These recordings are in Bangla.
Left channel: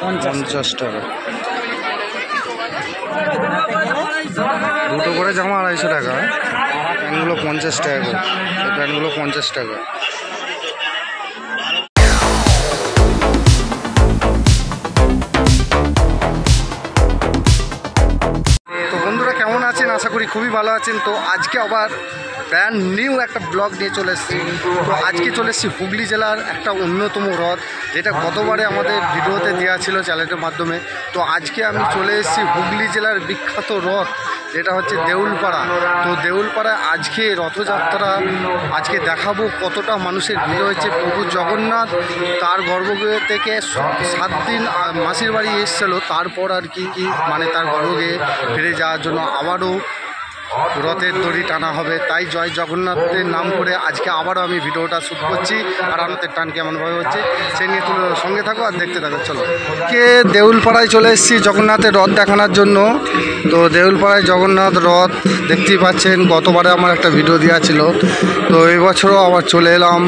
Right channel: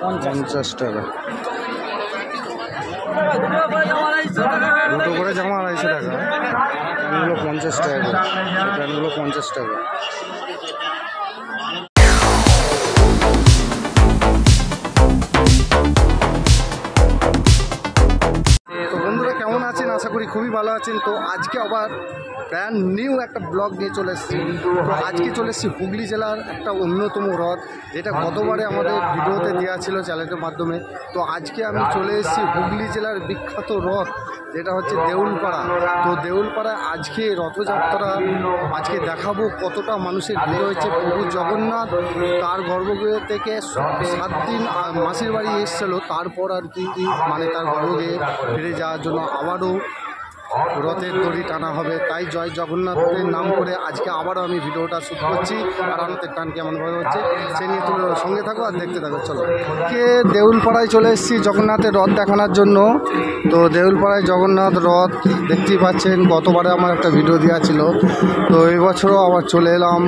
50 টাকা। দুটো করে জামা 250 টাকা। প্যান্টগুলো 50 টাকা করে। এই প্যান্টগুলো 50 টাকা। তো বন্ধুরা কেমন আছেন? আশা করি খুবই ভালো আছেন। তো আজকে আবার ব্র্যান্ড নিউ একটা ব্লগ নিয়ে চলে এসেছি। তো আজকে চলে এসেছি হুগলি জেলার একটা অন্যতম রথ, যেটা গতবারে আমাদের ভিডিওতে দেওয়া ছিল চ্যানেলের মাধ্যমে। তো আজকে আমি চলে এসেছি হুগলি জেলার বিখ্যাত রথ, যেটা হচ্ছে দেউলপাড়া। তো দেউলপাড়ায় আজকে রথযাত্রা আজকে দেখাবো কতটা মানুষের ভিড় হয়েছে। প্রভু জগন্নাথ তার গর্ভগৃহ থেকে 7 দিন মাসির বাড়ি এসেছিলো, তারপর আর কি মানে তার গর্ভগৃহে ফিরে যাওয়ার জন্য আবারও রথের দড়ি টানা হবে। তাই জয় জগন্নাথের নাম করে আজকে আবারও আমি ভিডিওটা শ্যুট করছি। আর রথের টান কেমনভাবে হচ্ছে সে নিয়ে তুলে সঙ্গে থাকো আর দেখতে থাকো। চলো, কে দেউলপাড়ায় চলে এসেছি জগন্নাথের রথ দেখানোর জন্য। তো দেউলপাড়ায় জগন্নাথ রথ দেখতেই পাচ্ছেন, গতবারে আমার একটা ভিডিও দেওয়া ছিল। তো এবছরও আবার চলে এলাম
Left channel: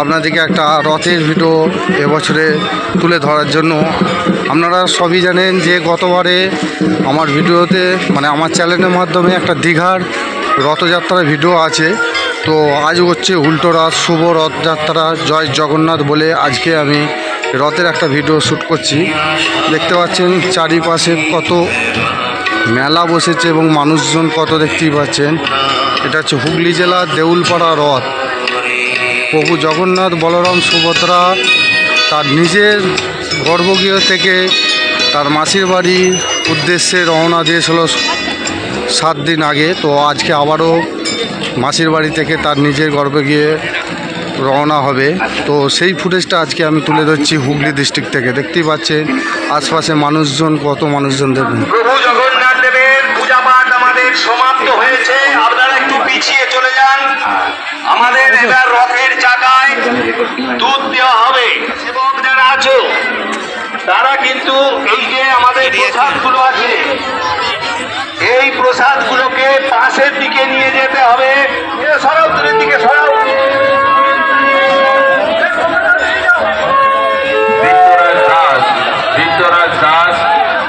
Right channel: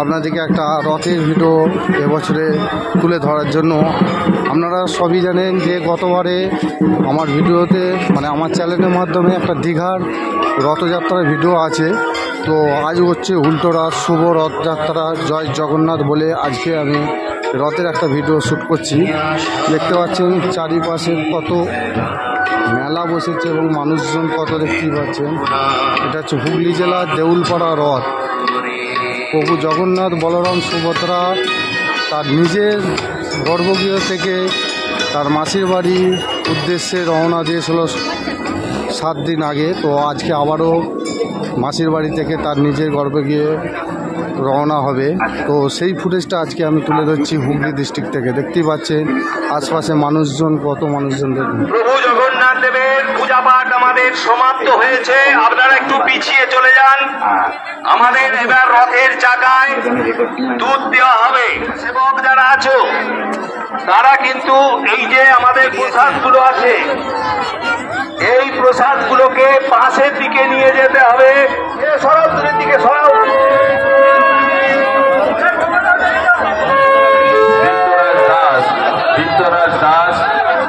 আপনাদেরকে একটা রথের ভিডিও এবছরে তুলে ধরার জন্য। আপনারা সবই জানেন যে গতবারে আমার ভিডিওতে মানে আমার চ্যানেলের মাধ্যমে একটা দীঘার রথযাত্রার ভিডিও আছে। তো আজ হচ্ছে উল্টো রথ, শুভ রথযাত্রা, জয় জগন্নাথ বলে আজকে আমি রথের একটা ভিডিও শ্যুট করছি। দেখতে পাচ্ছেন চারিপাশে কত মেলা বসেছে এবং মানুষজন কত দেখতেই পাচ্ছেন। এটা হচ্ছে হুগলি জেলার দেউলপাড়া রথ। প্রভু জগন্নাথ বলরাম সুভদ্রা তার নিজের গর্ভগৃহ থেকে তার মাসির বাড়ির উদ্দেশ্যে রওনা দিয়েছিল 7 দিন আগে। তো আজকে আবারও মাসির বাড়ি থেকে তার নিজের গর্ভগৃহে রওনা হবে। তো সেই ফুটেজটা আজকে আমি তুলে ধরছি হুগলি ডিস্ট্রিক্ট থেকে। দেখতেই পাচ্ছেন আশপাশে মানুষজন, কত মানুষজন দেখুন। সমাপ্ত হয়েছে, আপনারা একটু পিছিয়ে চলে যান। আমাদের এবার রথের চাকায় দুধ দেওয়া হবে। সেবক যারা আছো তারা কিন্তু এই যে আমাদের প্রসাদগুলো আছে, এই প্রসাদগুলোকে পাশের দিকে নিয়ে যেতে হবে। সরাও, দূরের দিকে সরাও। বিদ্যরাজ দাস,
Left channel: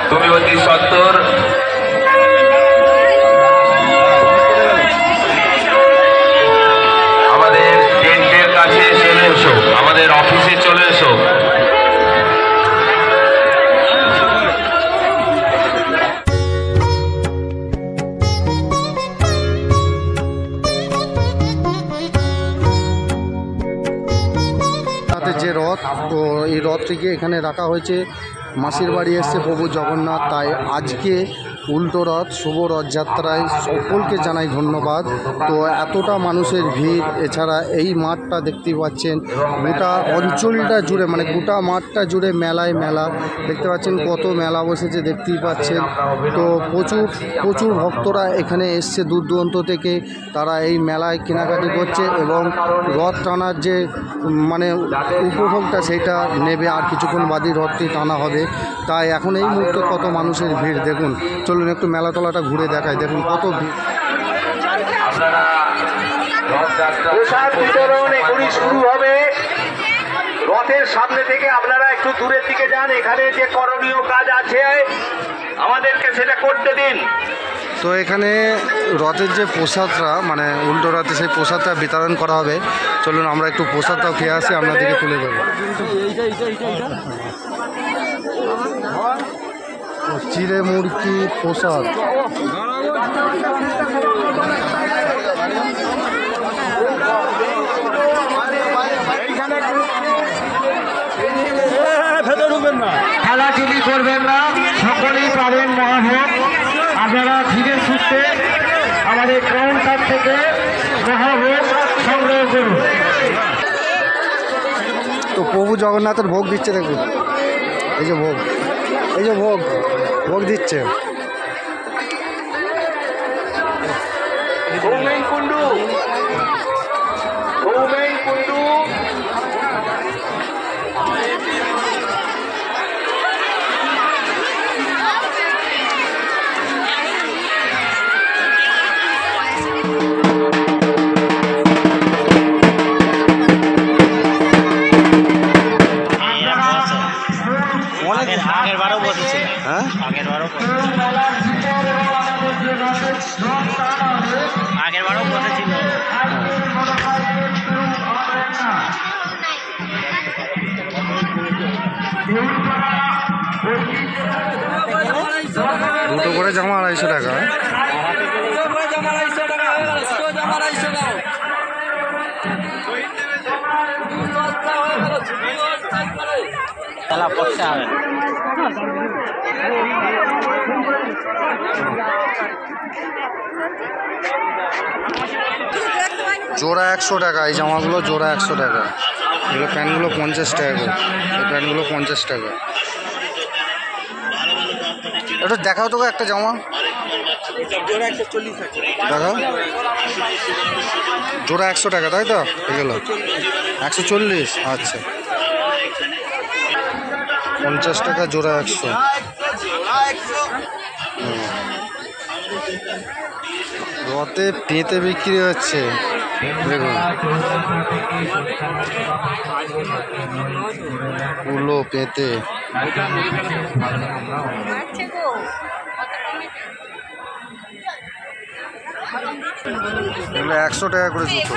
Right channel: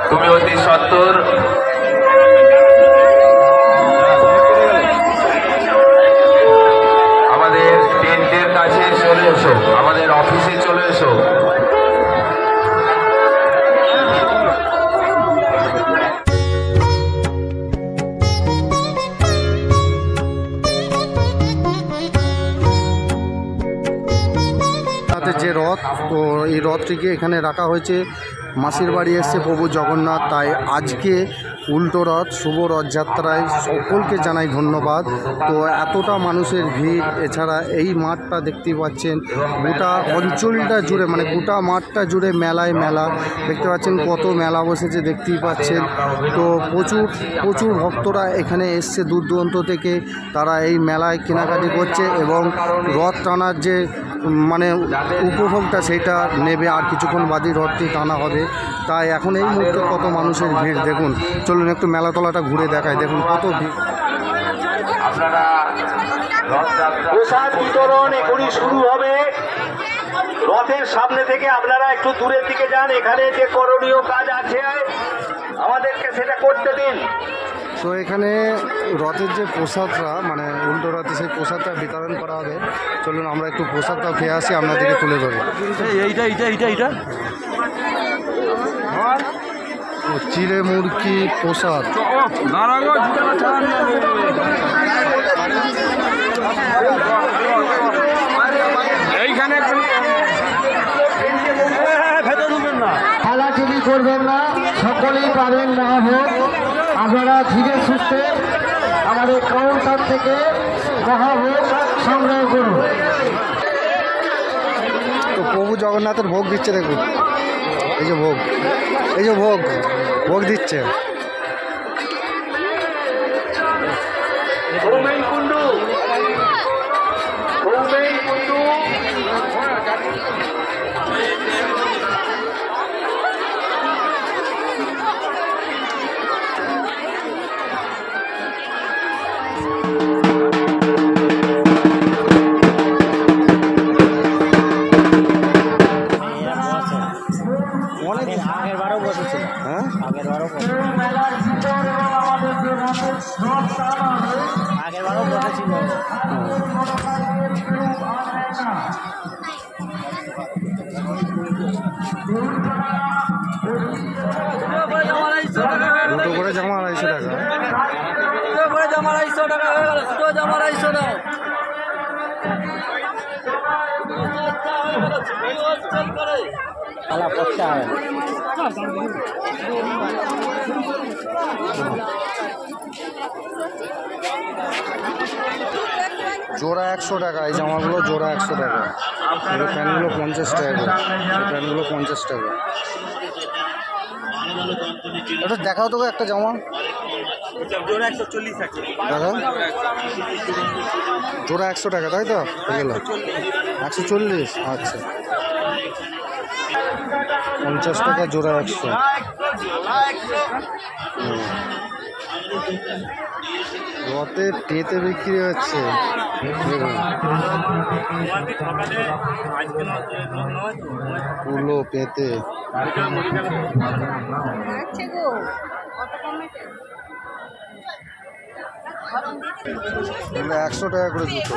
তুমি অতি সত্তর অফিসে চলে এসো। যে রথ, তো এই রথটিকে এখানে রাখা হয়েছে। মাসির বাড়ি এসছে প্রভু জগন্নাথ, তাই আজকে উল্টো রথ শুভ রথযাত্রায় সকলকে জানাই ধন্যবাদ। তো এতটা মানুষের ভিড়, এছাড়া এই মাঠটা দেখতেই পাচ্ছেন গোটা অঞ্চলটা জুড়ে, মানে গোটা মাঠটা জুড়ে মেলায় মেলা। দেখতে পাচ্ছেন কত মেলা বসেছে, দেখতেই পাচ্ছেন। তো প্রচুর ভক্তরা এখানে এসছে দূর দূরান্ত থেকে, তারা এই মেলায় কেনাকাটি করছে এবং রথ টানার যে মানে উপভোগটা সেটা নেবে। আর কিছুক্ষণ বাদই রথটি টানা হবে। তাই এখন এই মুহূর্তে কত মানুষের ভিড় দেখুন। চলুন একটু মেলাতলাটা ঘুরে দেখায়, দেখুন কত ভিড়। প্রসাদ বিতরণ এখনই শুরু হবে। রথের সামনে থেকে আপনারা একটু দূরের দিকে যান। এখানে যে করণীয় কাজ আছে আমাদেরকে সেটা করতে দিন। তো এখানে রথের যে প্রসাদটা মানে উল্টো রথে সেই প্রসাদটা বিতরণ করা হবে। চলুন আমরা একটু প্রসাদটাও খেয়ে আসি, আপনাদেরকে তুলে ধরবো। চিড়ে মুরগি প্রসাদ। খেলাখেলি করবেন না, সকলেই পাবেন মহাভোগ। আপনারা ধীরে সুস্থে আমাদের কাউন্টার থেকে মহাভোগ সংগ্রহ করুন। তো প্রভু জগন্নাথের ভোগ দিচ্ছে দেখুন, এই যে ভোগ, এই যে ভোগ দিচ্ছে। দুটো করে জামা 250 টাকা। জোড়া 100 টাকা, এই জামাগুলো জোড়া 100 টাকা। এগুলো প্যান্টগুলো 50 টাকা করে, এই প্যান্টগুলো 50 টাকা। এটা দেখাও তোকে একটা জামা দেখাও, জোড়া 100 টাকা তাই তো? এগুলো 140, আচ্ছা 50 টাকা জোড়া 100। রতে পেঁতে বিক্রি হচ্ছে দেখুন, কুলো পেঁতে। এগুলো 100 টাকা করে জুতো।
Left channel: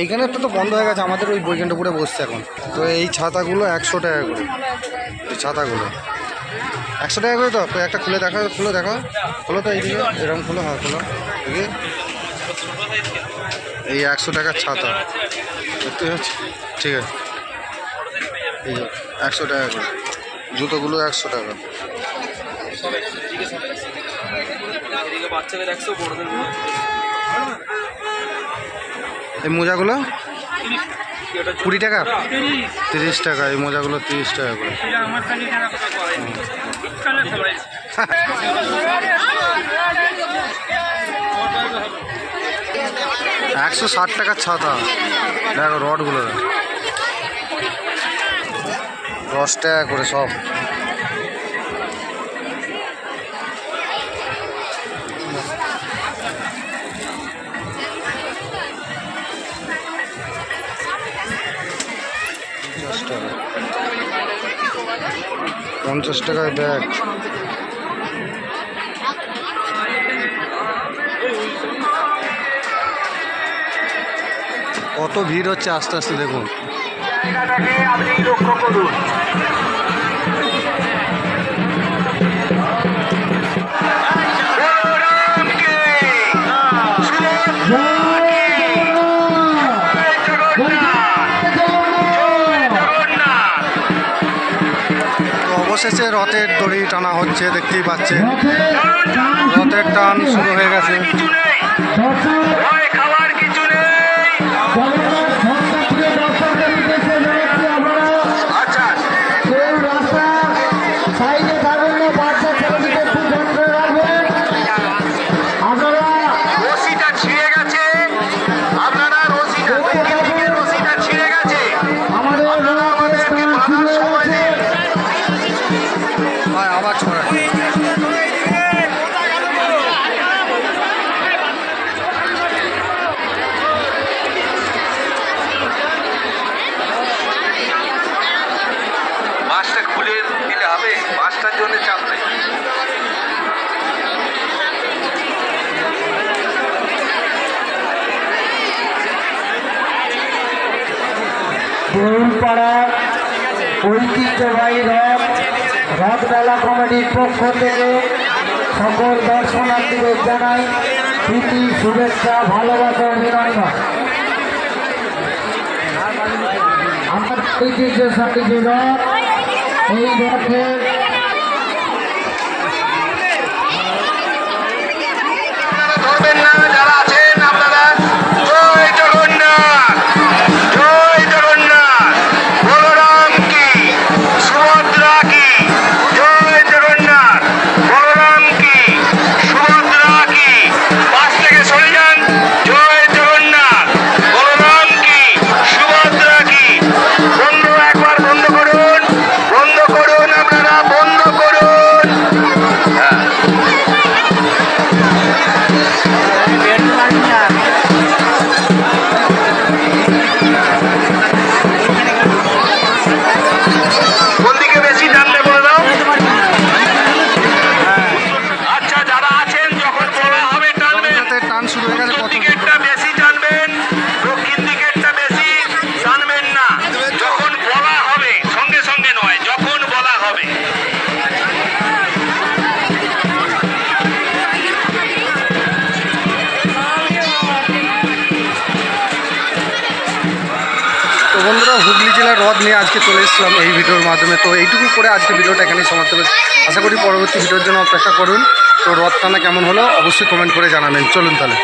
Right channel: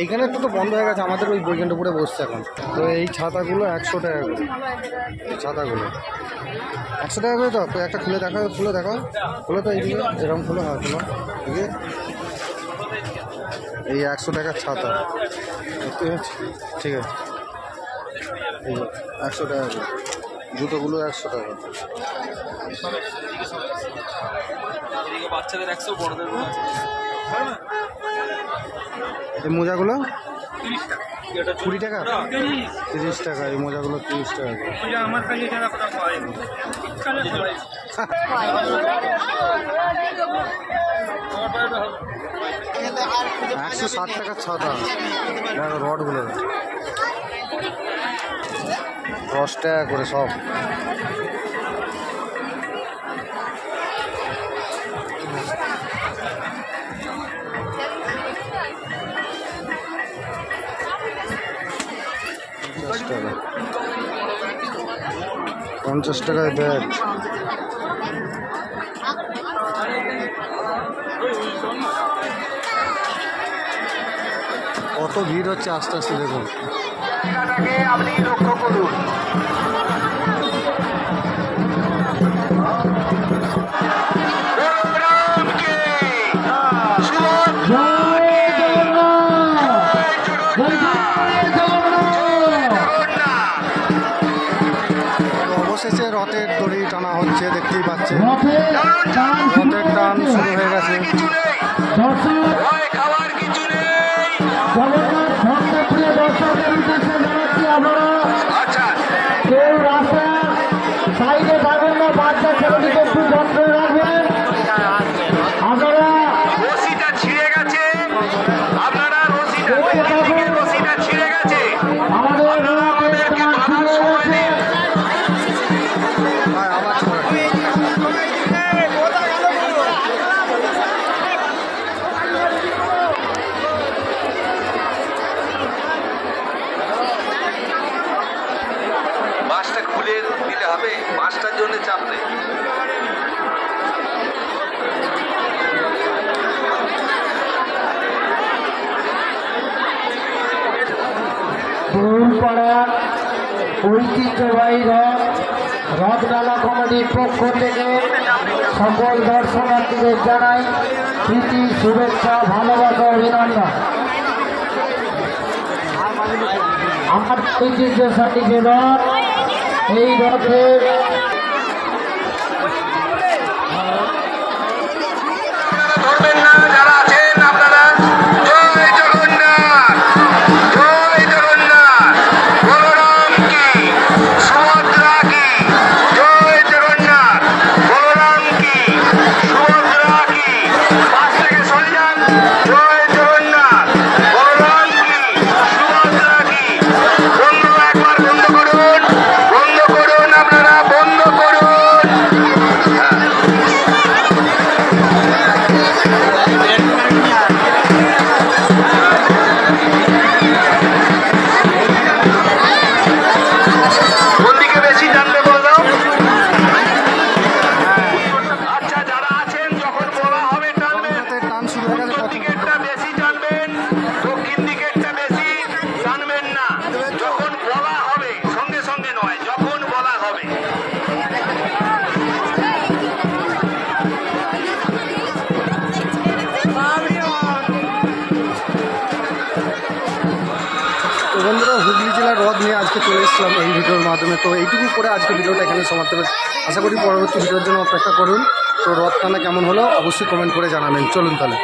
এইখানে একটা তো বন্ধ হয়ে গেছে, আমাদের ওই বৈকুণ্ঠপুরে বসছে এখন। তো এই ছাতাগুলো 100 টাকা করে, এই ছাতাগুলো 100 টাকা করে। তো একটা খুলে দেখা, খুলে দেখা, খুলো তো এইদিকে, এরকম খুলো, হ্যাঁ খুলো দেখি। এই 100 টাকার ছাতা দেখতে পাচ্ছি, ঠিক আছে। এই 100 টাকা করে জুতোগুলো 100 টাকা। এই মোজাগুলো 20 টাকা, 30 টাকা। এই মোজাগুলো 30 টাকা করে। 160 টাকার ছাতা দেখো, রডগুলো 10 টাকা করে সব। টাকা 50 টাকায় ব্যাগ। কত ভিড় হচ্ছে আস্তে আস্তে দেখুন। আপনি লক্ষ্য করুন। অবশেষে রথের দড়ি টানা হচ্ছে, দেখতেই পাচ্ছেন রথের টান শুরু হয়ে গেছে। খাওয়ার কিছু নেই। আচ্ছা এই রাস্তা সাইডে থাকবেন না, বাচ্চা ছেলেদিকে একটু যত্ন রাখবেন। আপনারা রশিটা ছিঁড়ে গেছে, আপনারা রশিটা ছিঁড়ে গেছে। আমাদের আমাদেরকে বাঁধার সময় নেই। আবার ছড়া বাসটা খুলে দিলে হবে, বাসটার জন্য চাপ নেই। পাড়ার ঐতিহ্যবাহী রথমেলা কমিটির পক্ষ থেকে সকল দর্শনার্থীদের জানাই প্রীতি, শুভেচ্ছা, ভালোবাসা, অভিনন্দন। আমার ঐতিহ্যশালী যে রথ, এই রথের ধরবেন না যারা আছেন আপনারা। জয় জগন্নাথ, জয় জগন্নাথ, বলরাম কি, সুভদ্রা কি, জয় জগন্নাথ, বলরাম কি, সুভদ্রা কি। পাশ থেকে সরে যান। জয় জগন্নাথ, বলরাম কি, সুভদ্রা কি। বন্ধ একবার বন্ধ করুন, বন্ধ করুন আপনারা। বন্ধুরা, হুগলি জেলার রথ নিয়ে আজকে চলে এসেছিলাম এই ভিডিওর মাধ্যমে। তো এইটুকু করে আজকে ভিডিওটা এখানেই সমাপ্ত করছি। আশা করি পরবর্তী ভিডিওর জন্য অপেক্ষা করুন। তো রথ টানা কেমন হলো অবশ্যই কমেন্ট করে জানাবেন। চলুন তাহলে।